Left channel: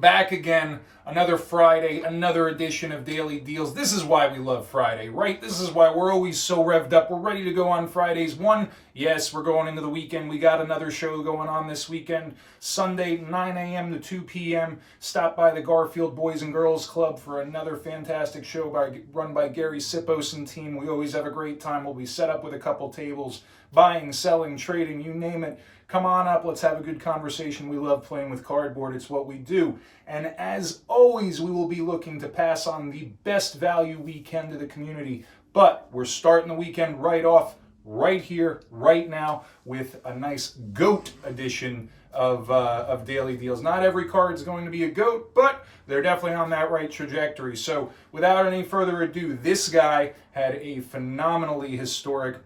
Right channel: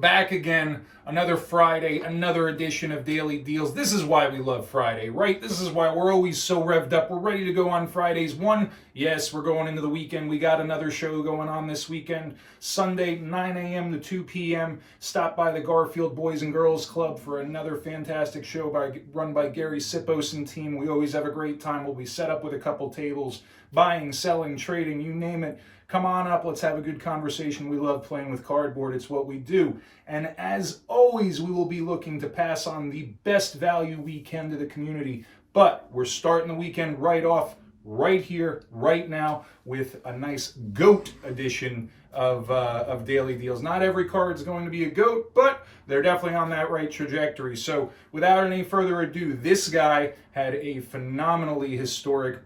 Back again, another Friday, another edition of Daily Deals. This is why we love Friday, right? This is why we're always so revved up. We're ready to go on Fridays. Yes, we're going into the weekend. We got another show going on this weekend. Sunday, 9 a.m. to 2 p.m. Stop by the Garfield Boys and Girls Club for another fantastic show run by Gary Sipos and team. We always have a great time. We'll be set up with a couple tables, buying, selling, trading, you name it. Come on up, let's have a good conversation. We love playing with cardboard, it's what we do. And as always, we will be looking to pass on the best value we can to the community. But we're starting the weekend right off, right here, right now, with a nice GOAT edition of Daily Deals. Not every card is going to be a GOAT, but they're definitely on that right trajectory. So without any further ado, this guy had a phenomenally historic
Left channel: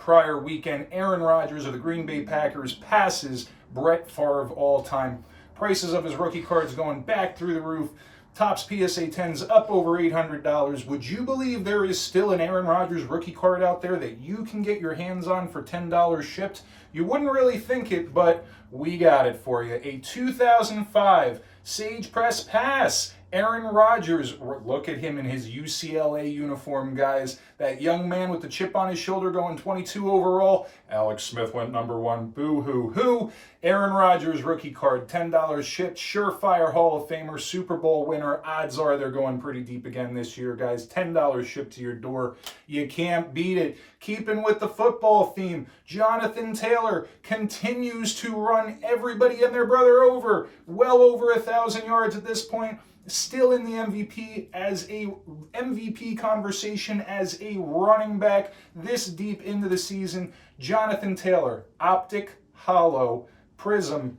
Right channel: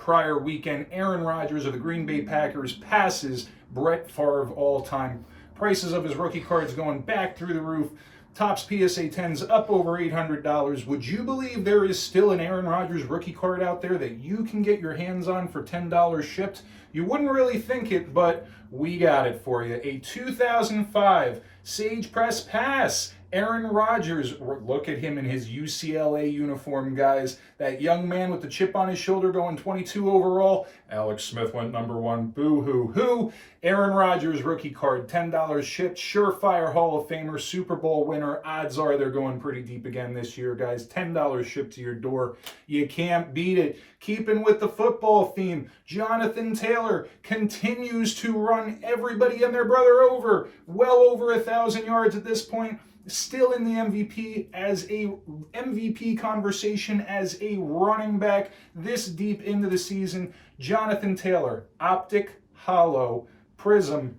prior weekend. Aaron Rodgers of the Green Bay Packers passes Brett Favre all time. Prices of his rookie cards going back through the roof. Topps PSA 10s up over $800. Would you believe there is still an Aaron Rodgers rookie card out there that you can get your hands on for $10 shipped? You wouldn't really think it, but we got it for you. A 2005 Sage Press Pass. Aaron Rodgers, look at him in his UCLA uniform, guys. That young man with the chip on his shoulder going 22 overall. Alex Smith went number one. Boo-hoo-hoo. Aaron Rodgers rookie card, $10 shipped. Surefire Hall of Famer, Super Bowl winner. Odds are they're going pretty deep again this year, guys. $10 shipped to your door. You can't beat it. Keeping with the football theme, Jonathan Taylor continues to run everybody and their brother over. Well over 1,000 yards at this point. Still in the MVP conversation as a running back this deep into the season. Jonathan Taylor, Optic, Hollow, Prism,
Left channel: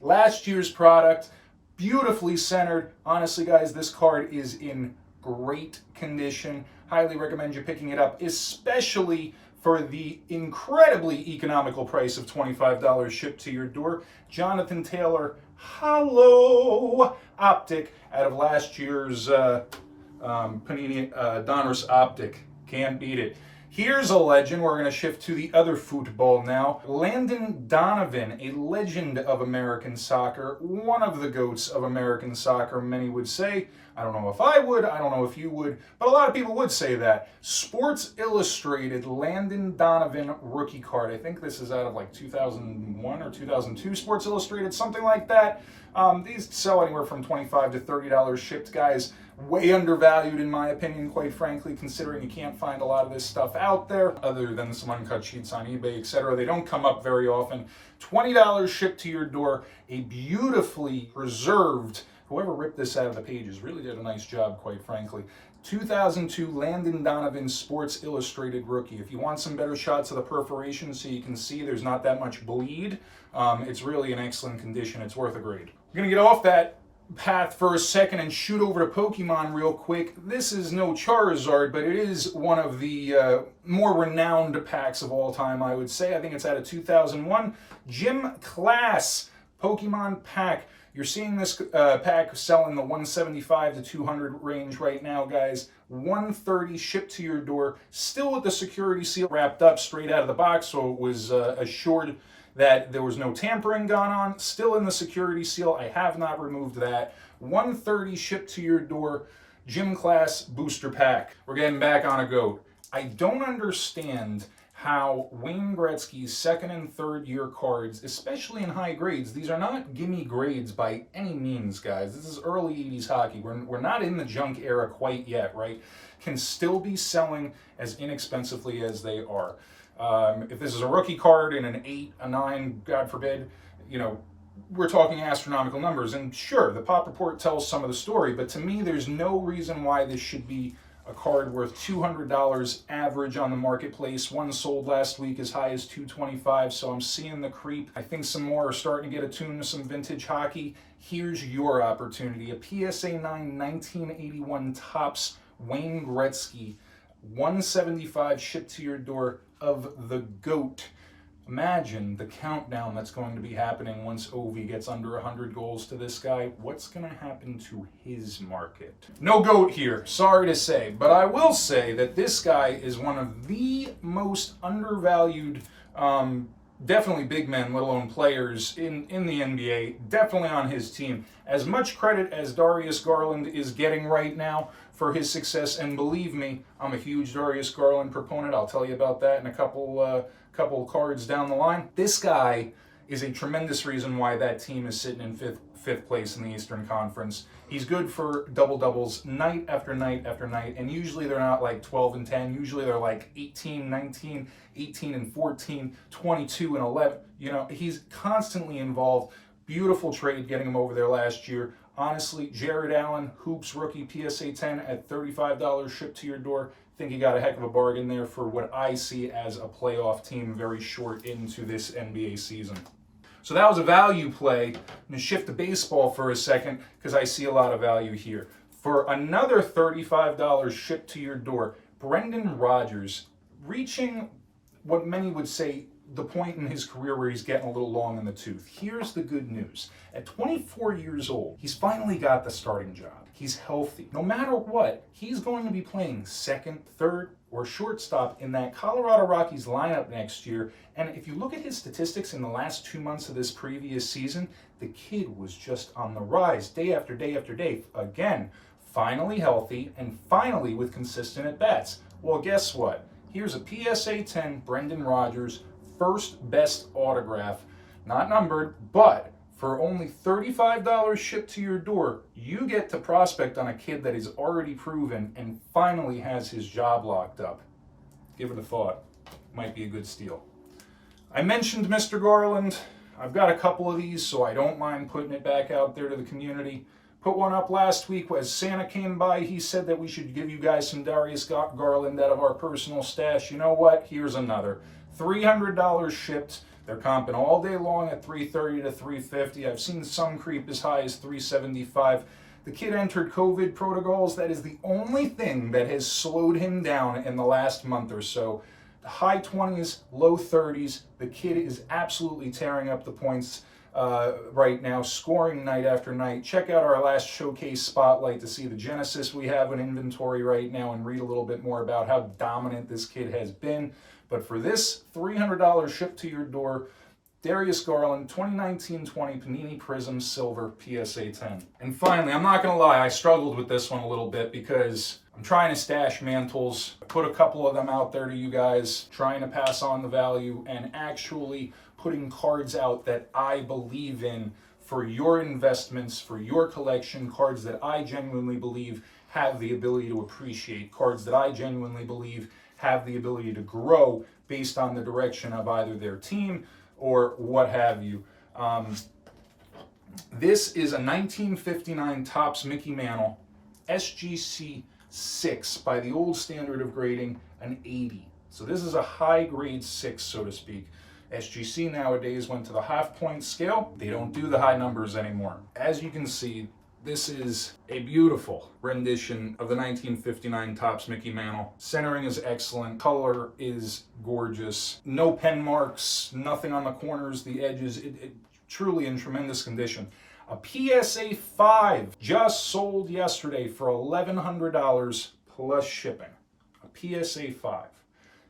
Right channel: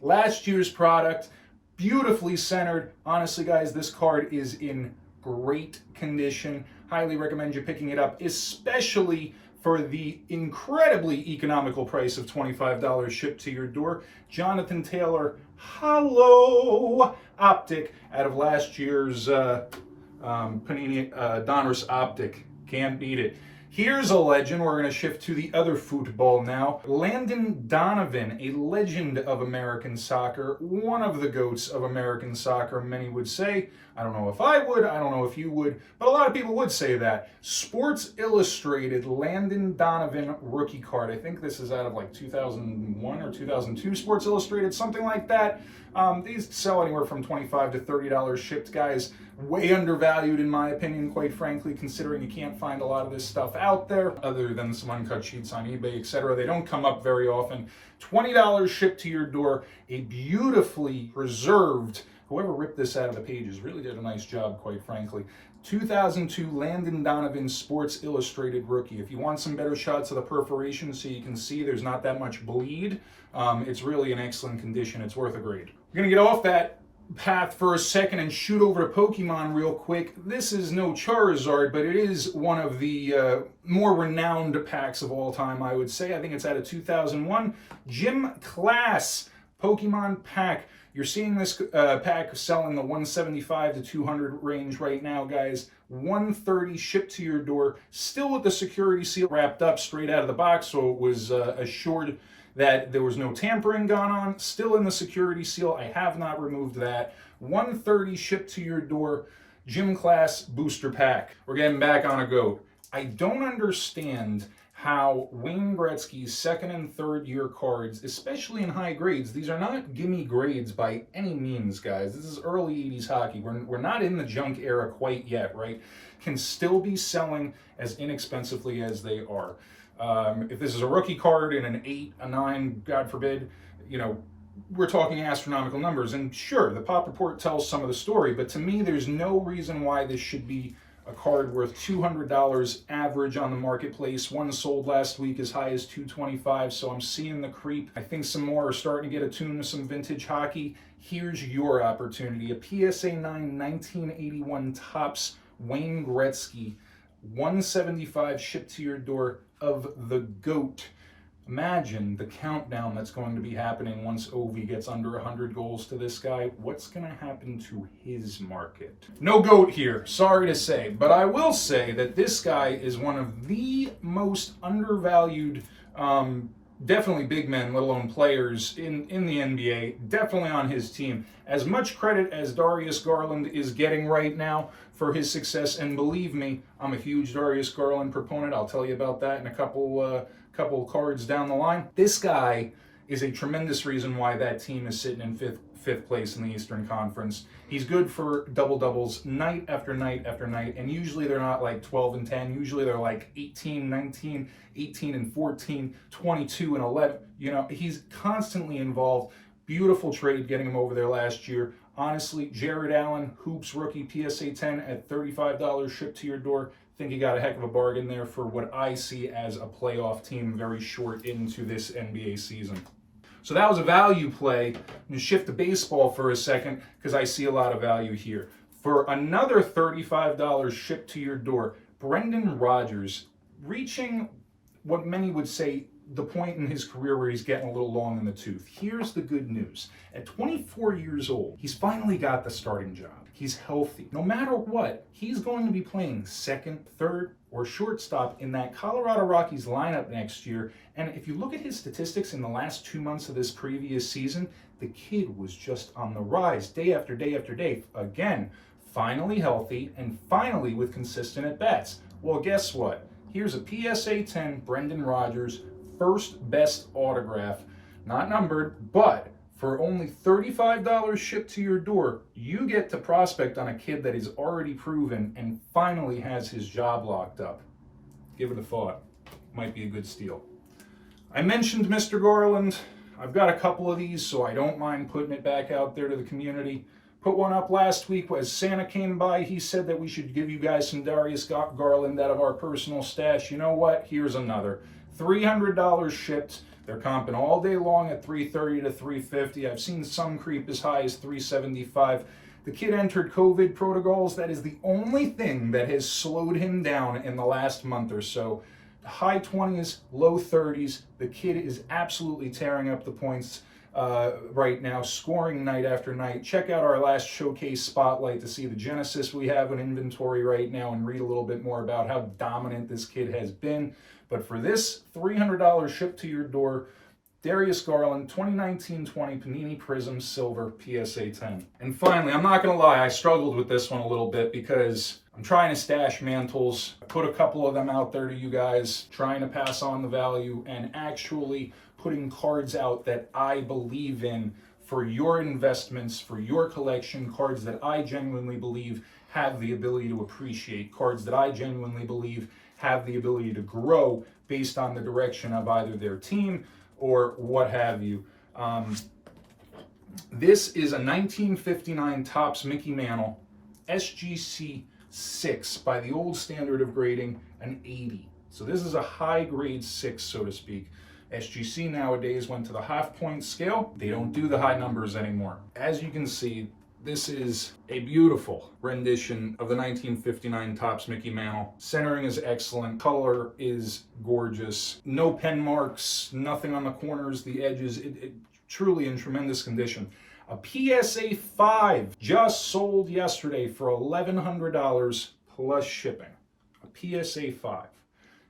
last year's product, beautifully centered. Honestly, guys, this card is in great condition. Highly recommend you picking it up, especially for the incredibly economical price of $25 shipped to your door. Jonathan Taylor, Hollow Optic out of last year's Panini Donruss Optic. Can't beat it. Here's a legend. We're going to shift to the other football now. Landon Donovan, a legend of American soccer, one of the GOATs of American soccer, many would say. I don't know if I would, I don't know if you would, but a lot of people would say that. Sports Illustrated Landon Donovan rookie card. I think this is out of like 2001 or 2002 Sports Illustrated, something like that. These sell anywhere from $25 to $30 shipped, guys. Way undervalued in my opinion, quite frankly, considering you can't find a lot of this stuff out there other than some uncut sheets on eBay, etc. They don't come up very often. $20 shipped to your door. A beautifully preserved, whoever ripped this out of the pages really did a nice job, quite frankly. 2002 Landon Donovan Sports Illustrated rookie. If you want some better shots of the perforation so you can see there's not that much bleed, it's really in excellent condition. It's worth a grade. We're going to get off that path for a second and shoot over to Pokemon real quick. This is no Charizard, but it is one of the more renowned packs of all time, I would say. I think it's out of 2001. Gym Class Pokemon pack. You're seeing this pack selling the 175 to 200 range right now, guys. 130 shipped to your door, still with the security seal wrapped up straight out of the box, so it was assured that there was no tampering gone on. Still in the security seal. I have not removed that. 130 shipped to your door. Gym Class booster pack. We're getting back on a GOAT. I don't understand how Wayne Gretzky's second and third year cards, especially in high grades, these are not gimme grades by any means, guys. This is early 80s hockey. We're not in the junk era quite yet, right? Can still be selling as inexpensively as they are. If this is a rookie card in an 8, a 9, God forbid, you know, we're talking astronomical numbers. And sure, the pop report tells some of the story, but to me, there's no reason why this should be a card worth $200 average on the marketplace. One sold last week as high as $225, so I'm seeing the creep. I think some more are starting to get attuned to some vintage hockey. Here's your opportunity. A PSA 9 1981 Topps Wayne Gretzky 175 shipped to your door of the GOAT. Imagine the countdown that's going to be happening once Ovi gets under 100 goals to this guy. What's going to happen to his market? No GOAT here, sorry to say, but I will say that this guy is one of the most undervalued definitely big men, let alone players in the NBA, definitely on his team. As much credit as Darius Garland is getting right now for his success, and believe me, I'm a huge Darius Garland proponent. I'll tell you about that in a couple cards down the line. This guy is a tremendous reason why that team is sitting in fifth place in the Eastern Conference. He's good for double-doubles night after night after night, and usually they're not like 12 and 10. Usually they're like 18, 19, 18 and 14, 22 and 11. You know, he's constantly involved. Beautiful trade getting him over there last year. Honestly, Jared Allen, Hoops rookie PSA 10 at $35 shipped to your door. Think you got a heck of a bargain there for what I see as a playoff team very short into this NBA season. So that was a value play. I'm going to shift to baseball for a second because I see a lot of value here. For another $35 shipped to your door, Brendan Rodgers, reaching what many would say the point in his career where he's getting a little long in the tooth. Here's the good news. At 24 years old, he's finally got the starting job. He's healthy. No matter what, he's going to be playing second, third, or shortstop in that Colorado Rockies lineup next year. And if you look at his statistics in the last 2 months of this previous season, the kid was just on the rise day after day after day. Again, finally healthy and finally with consistent at-bats. Well, guess what? Here's a PSA 10 Brendan Rodgers, first best autograph, not numbered, but for only $35 shipped to your door, you get to prospect on a kid that is already proven and finally has his job locked up. Give it a thought. Might be a good steal. I mentioned Mr. Garland. I've got a couple of these, so I don't mind putting it back out there to the community. Put one up last week as Santa came by. He said that we should give you guys some Darius Garland out of our personal stash. You know what? Here's another. $300 shipped. They're comping all day long at $330 to $350. I've seen some creep as high as $375. The kid entered COVID protocols. That is the only thing that has slowed him down in the last month or so. The high 20s, low 30s. The kid is absolutely tearing up the points right now, scoring night after night. Check out our last showcase spotlight to see the genesis we have in inventory right now and read a little bit more about how dominant this kid has been. But for this $300 shipped to your door, Darius Garland, 2019-20 Panini Prizm Silver PSA 10. And finally, I'm not going to lie, I struggled with this one a little bit because I'm trying to stash mantles, put a couple of them out there to you guys, trying to pass on the value and actually putting cards out that I believe in for your investments, for your collection, cards that I genuinely believe have the ability to appreciate, cards that I genuinely believe have the ability to grow based on the direction of either their team or what have you. This is a 1959 Topps Mickey Mantle SGC 6 by the old standard of grading, an 80. So this is a high grade 6, so to speak. SGC nowadays went to the half-point scale. They don't do the high numbers anymore. As you can see, this is a beautiful rendition of the 1959 Topps Mickey Mantle. Centering is excellent. Color is gorgeous. No pen marks, nothing on the corners, the edges. It truly in tremendous condition. A PSA 5 just sold yesterday for $1,100 plus shipping. A PSA 5.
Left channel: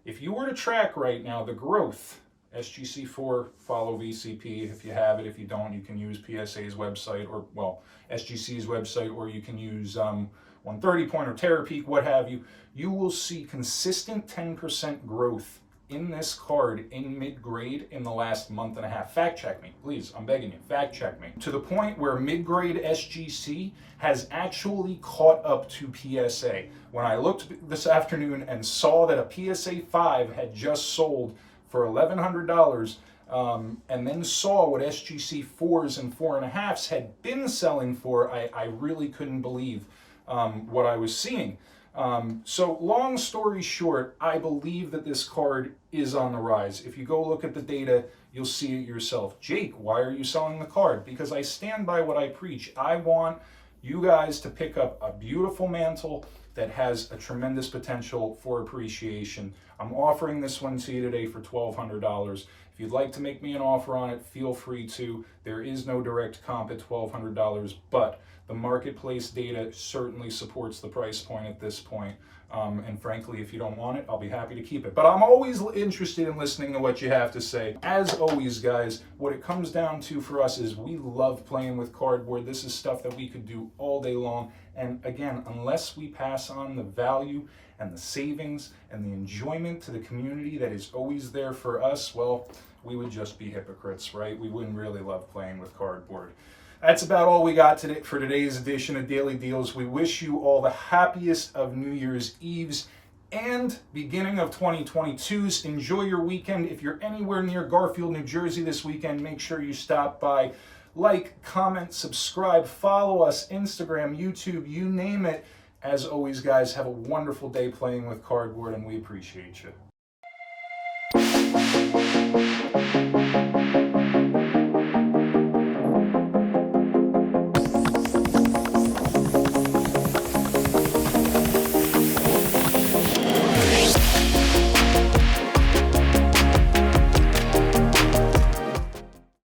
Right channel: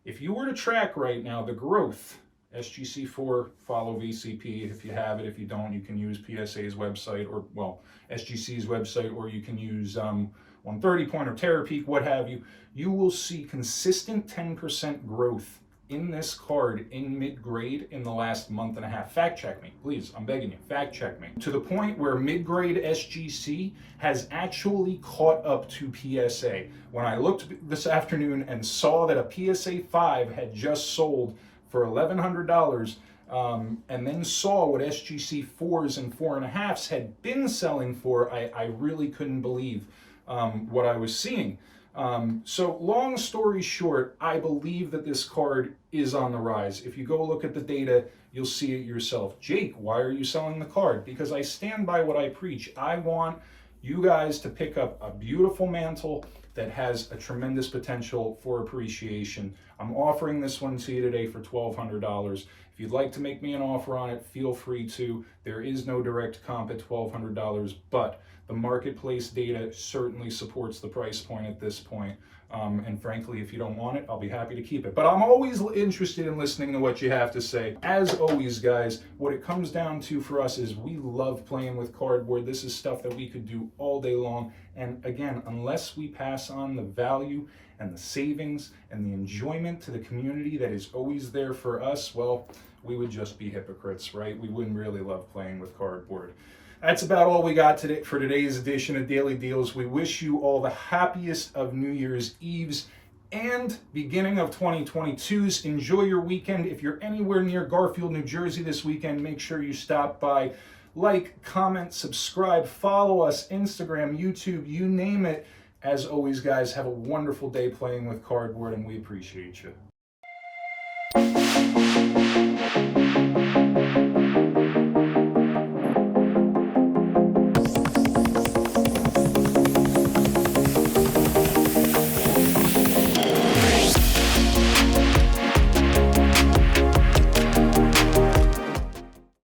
If you were to track right now the growth, SGC4, follow VCP if you have it. If you don't, you can use PSA's website or, well, SGC's website, or you can use 130 Point or Terror Peak, what have you. You will see consistent 10% growth in this card in mid-grade in the last month and a half. Fact check me, please. I'm begging you. Fact check me. To the point where mid-grade SGC has actually caught up to PSA. When I looked this afternoon and saw that a PSA 5 had just sold for $1,100, and then saw what SGC 4s and 4.5s had been selling for, I really couldn't believe what I was seeing. So long story short, I believe that this card is on the rise. If you go look at the data, you'll see it yourself. Jake, why are you selling the card? Because I stand by what I preach. I want you guys to pick up a beautiful mantle that has a tremendous potential for appreciation. I'm offering this one to you today for $1,200. If you'd like to make me an offer on it, feel free to. There is no direct comp at $1,200, but the marketplace data certainly supports the price point at this point. And frankly, if you don't want it, I'll be happy to keep it. But I'm always interested in listening to what you have to say. As always, guys, what it comes down to for us is we love playing with cardboard. This is stuff that we could do all day long. And again, unless we pass on the value and the savings and the enjoyment to the community that is always there for us, well, we would just be hypocrites, right? We wouldn't really love playing with cardboard. That's about all we got today for today's edition of Daily Deals. We wish you all the happiest of New Year's Eves and beginning of 2022s. Enjoy your weekend. If you're anywhere near Garfield, New Jersey this weekend, make sure you stop by. Like, comment, subscribe, follow us, Instagram, YouTube, you name it. As always, guys, have a wonderful day playing with cardboard, and we appreciate you.